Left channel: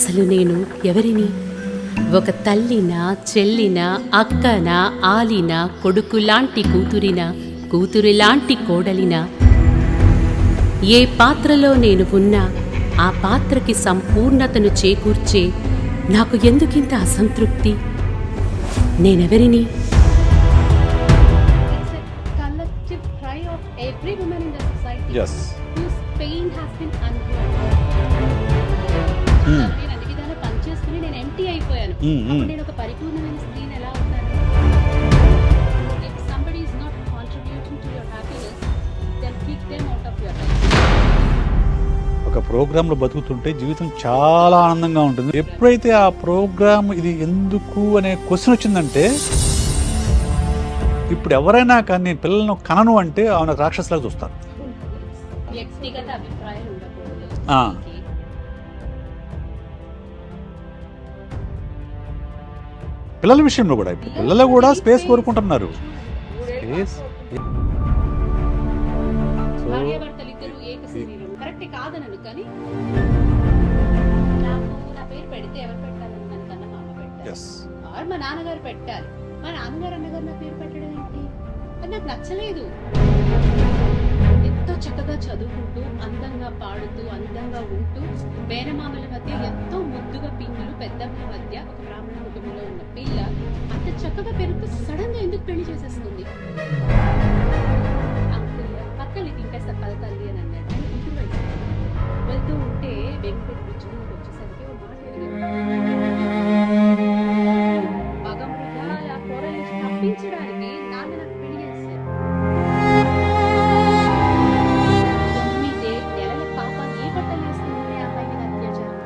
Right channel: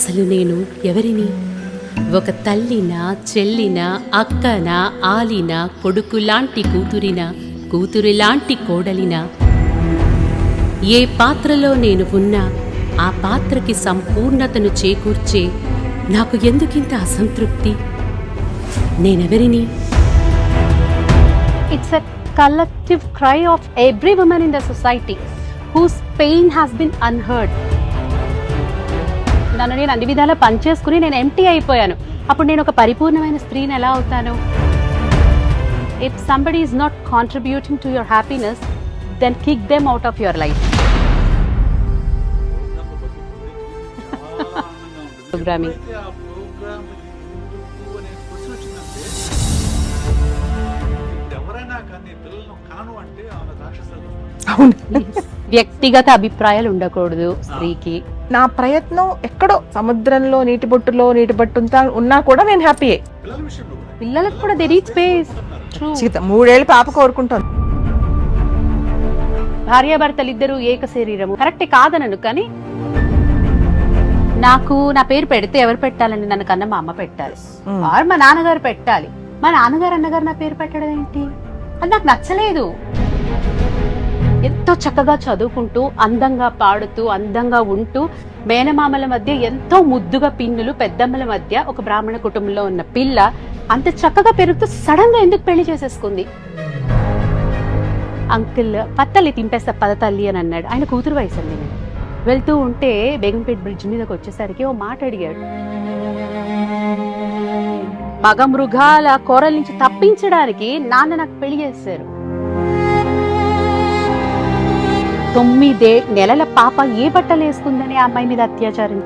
అసలు నేను ఎవరిని? ఒక తల్లినా, చెల్లినా, అక్కనా, ఆలినా, కొడుకులాంటి కూతురినా, కూతురిలాంటి కోడలినా? ఏ పాత్రలో నేను ఉన్నా ఆ పాత్రకి సంపూర్ణతను చేకూర్చే నాకు ఎందుకింత అసంతృప్తి? నేనెవరిని? It's a collective cry of every woman in the society whose pain has been unheard. నన్ను నేను అన్ని విధాలా పనిచేసుకుని నేను ఎంటీ అయిపోయాను. అప్పుడు నేను ఒక పరిపూర్ణమైన స్త్రీని ఎలా అవుతాను? If somebody is not contributing to your happiness, then kick them out of your life. ఒక ప్రోగ్రామ్ లో బతుకుతుంటే జీవితం చాలా ఆనందంగా ఉంటుంది. ఎప్పుడైతే ఆ ప్రోగ్రామ్ ఇది ఎందుకు అనే క్వశ్చన్ వచ్చిందంటే, ఇప్పుడు ఎవరైనా కానీ నేను పిల్లలను కనను అంటే ఆమె రాక్షసులాగా చూస్తాను. వ్యక్తిగత అభిప్రాయాలు ఉండకూడదు స్త్రీకి. నా ప్రయత్నం ఎక్కడో సముద్రంలో నీటి బొట్టు ఉన్నా కూడా నేను హ్యాపీయే. పిల్లల విషయంలో కూడా పిల్లలు కూడా స్పేస్ కోరుకుంటున్నారు. 3 ఏళ్ళు పాప కోరుకుంటాను. భార్యాభర్తలు ఇద్దరు ఏక శరీరము కరెక్టే కాదనను, కానీ నాకు నా పేరు పెడితే ఎవరు పెట్టాలని? నన్ను కన్నా మా అమ్మ పెట్టాలి, ఆర్ మా నాన్నగారు పెట్టాలి. మా నాన్నగారు అన్నగారు నా పేరు పెట్టడం ఏంటి? అది నాకు నచ్చలేదు. ఎంతో చక్కగా చదువుకుంటూ, అందంగా పాడుతూ, అందంగా ఉంటూ, మేనమామల మధ్య ఎంతో ముద్దుగా పిన్నులు, పెద్దమ్మల మధ్య ఒక బ్రాహ్మణ కుటుంబంలో ఉన్న పిల్ల అంత చక్కగా పెరుగుతూ సడన్ గా ఎందుకు పెళ్లి చేసేసుకుంది? అంకుల్ పత్తల్లి తింపేస్తా పద తల్లి అని అన్నాడు. ఆయన కూతురు వయసు అండి. వెళ్తూ ఉంటే బేగంపేట బ్రిడ్జ్ మీదకి వచ్చేసరికి ఓ మాట అడిగాడు. మగ మృగాల కోరల నుంచి తప్పించడానికి నాన్న నాకు పెళ్లి చేశారు. 9 నెలల పాప ఏ బట్టలు వేసుకుందని ఆ అమ్మాయి మీద అత్యాచారం.